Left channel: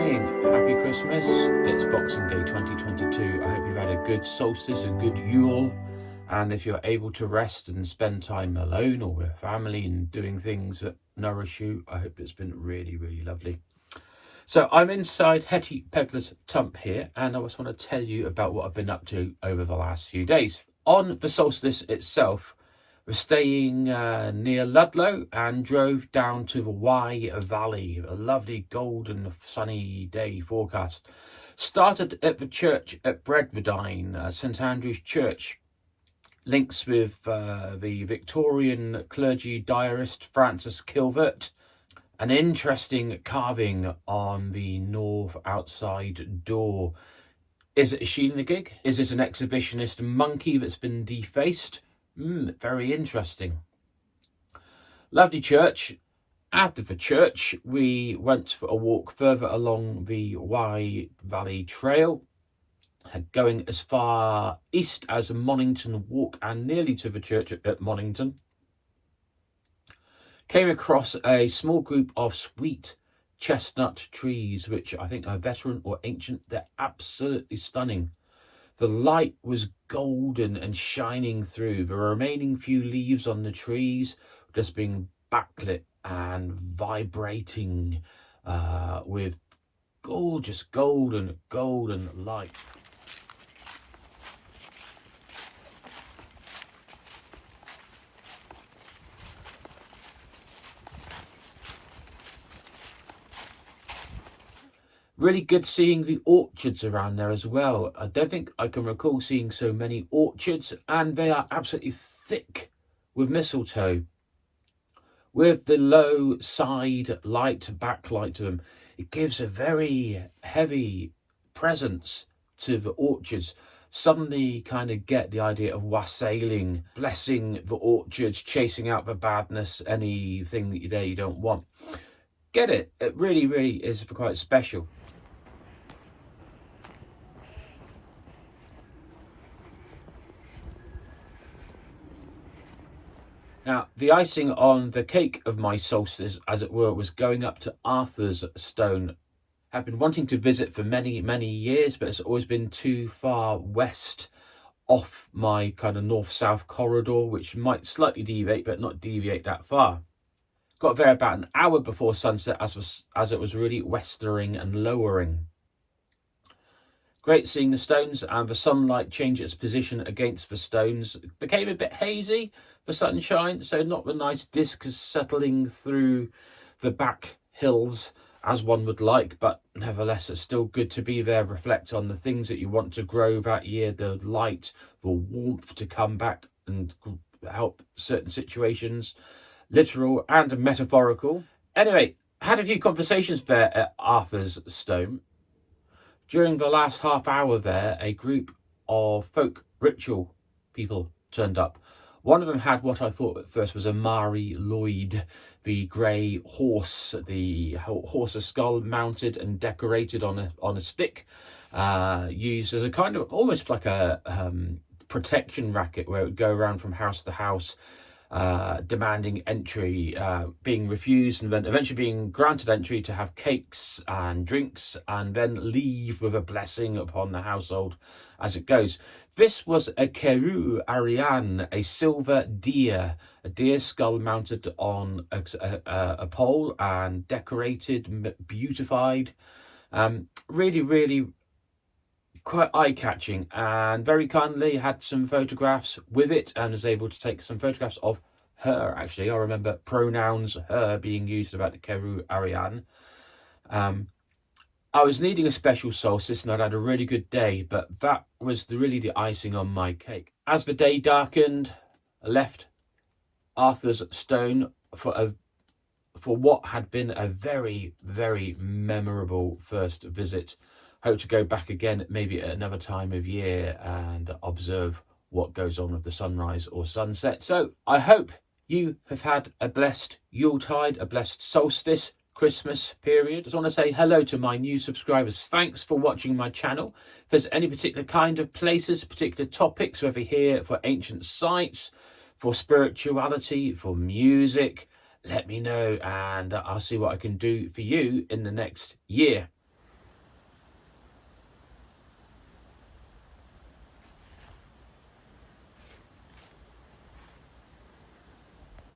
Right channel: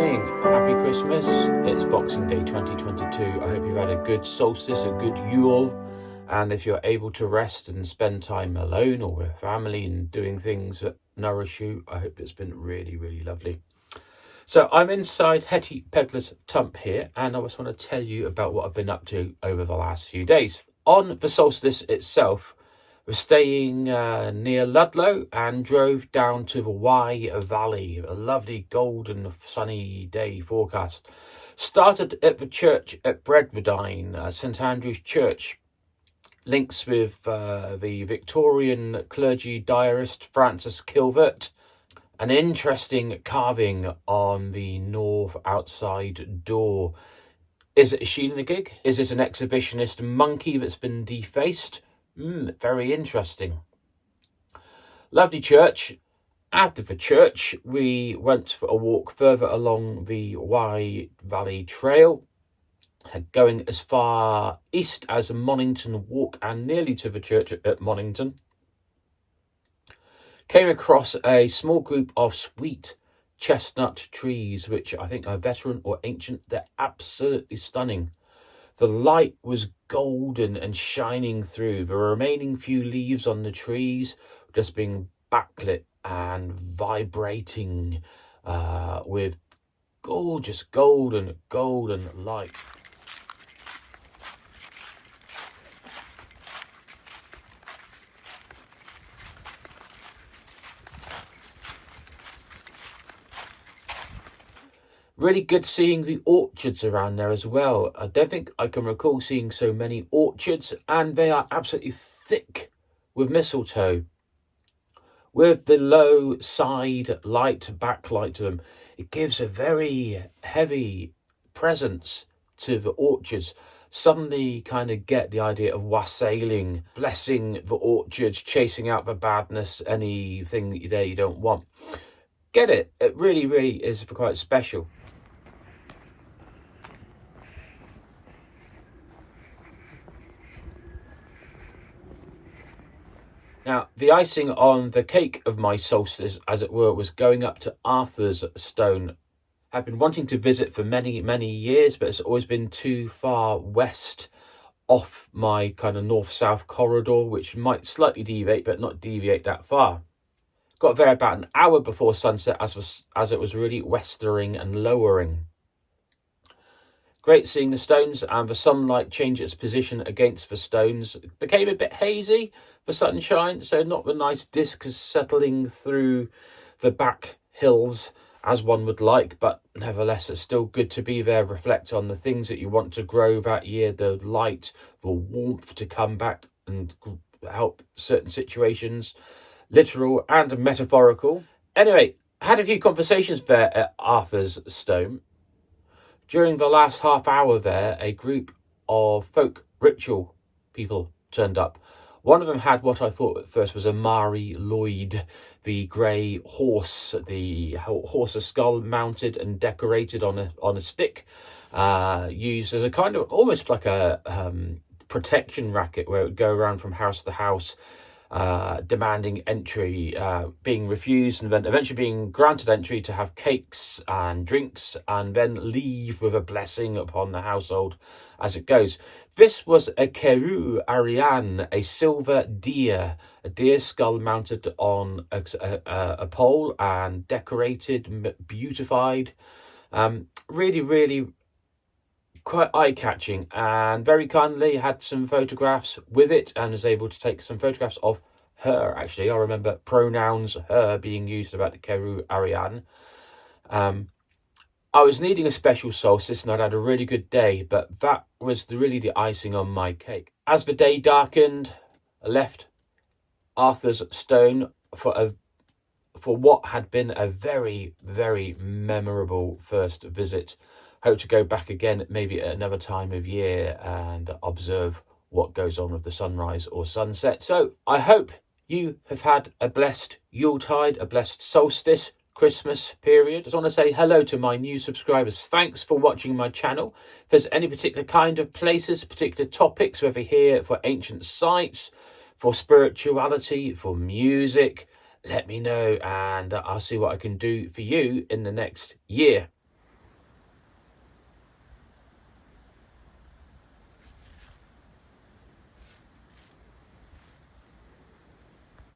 morning, happy Christmas. It's Boxing Day 2022. I hope you've had a good solstice, a good Yule, and if you're able to rest and spend time alone or with family and doing things that nourish you, I hope it's been really, really lovely. So I'm inside Hetty Pegler's Tump here, and I just want to tell you about what I've been up to over the last few days. On the solstice itself, we're staying near Ludlow and drove down to the Wye Valley, a lovely golden sunny day forecast. Started at the church at Bredwardine, St Andrew's Church. Links with the Victorian clergy diarist Francis Kilvert. An interesting carving on the north outside door. Is it a shinagig? Is it an exhibitionist monkey that's been defaced? Very interesting. Lovely church. After the church, we went for a walk further along the Wye Valley Trail, going as far east as Monington Walk and nearly to the church at Monington. Came across a small group of sweet chestnut trees, which I think are veteran or ancient. They're absolutely stunning. The light was golden and shining through. The remaining few leaves on the trees just being backlit and vibrating with gorgeous golden light. Really good seeing the orchards around there as well. I don't think I can recall seeing so many orchards, and they are absolutely thick with mistletoe. With the low side light, backlight to them, it gives a very heavy presence to the orchards. Suddenly kind of get the idea of wassailing, blessing the orchards, chasing out the badness, anything that you don't want. Get it? It really, really is quite special. Now, the icing on the cake of my solstice, as it were, was going up to Arthur's Stone. I've been wanting to visit for many, many years, but it's always been too far west off my kind of north-south corridor, which might slightly deviate, but not deviate that far. Got there about an hour before sunset as it was really westering and lowering. Great seeing the stones and the sunlight change its position against the stones. It became a bit hazy, the sunshine, so not the nice discs settling through the back hills as one would like, but nevertheless it's still good to be there, reflect on the things that you want to grow that year, the light, the warmth to come back and help certain situations, literal and metaphorical. Anyway, I had a few conversations there at Arthur's Stone. During the last half hour there, a group of folk ritual people turned up. One of them had what I thought at first was a Mari Lloyd, the grey horse, the horse's skull mounted and decorated on a stick, used as a kind of almost like a protection racket where it would go around from house to house, demanding entry, being refused and then eventually being granted entry to have cakes and drinks and then leave with a blessing upon the household as it goes. This was a Ceirw Arian, a silver deer, a deer skull mounted on a pole and decorated, beautified. Really, really quite eye-catching, and very kindly had some photographs with it and was able to take some photographs of her. Actually, I remember pronouns her being used about the Ceirw Arian. I was needing a special solstice and I'd had a really good day, but that was really the icing on my cake. As the day darkened, I left Arthur's Stone for what had been a very, very memorable first visit. Hope to go back again, maybe at another time of year, and observe what goes on with the sunrise or sunset. So I hope you have had a blessed Yuletide, a blessed solstice, Christmas period. I just want to say hello to my new subscribers. Thanks for watching my channel. If there's any particular kind of places, particular topics, whether here for ancient sites, for spirituality, for music, let me know and I'll see what I can do for you in the next year.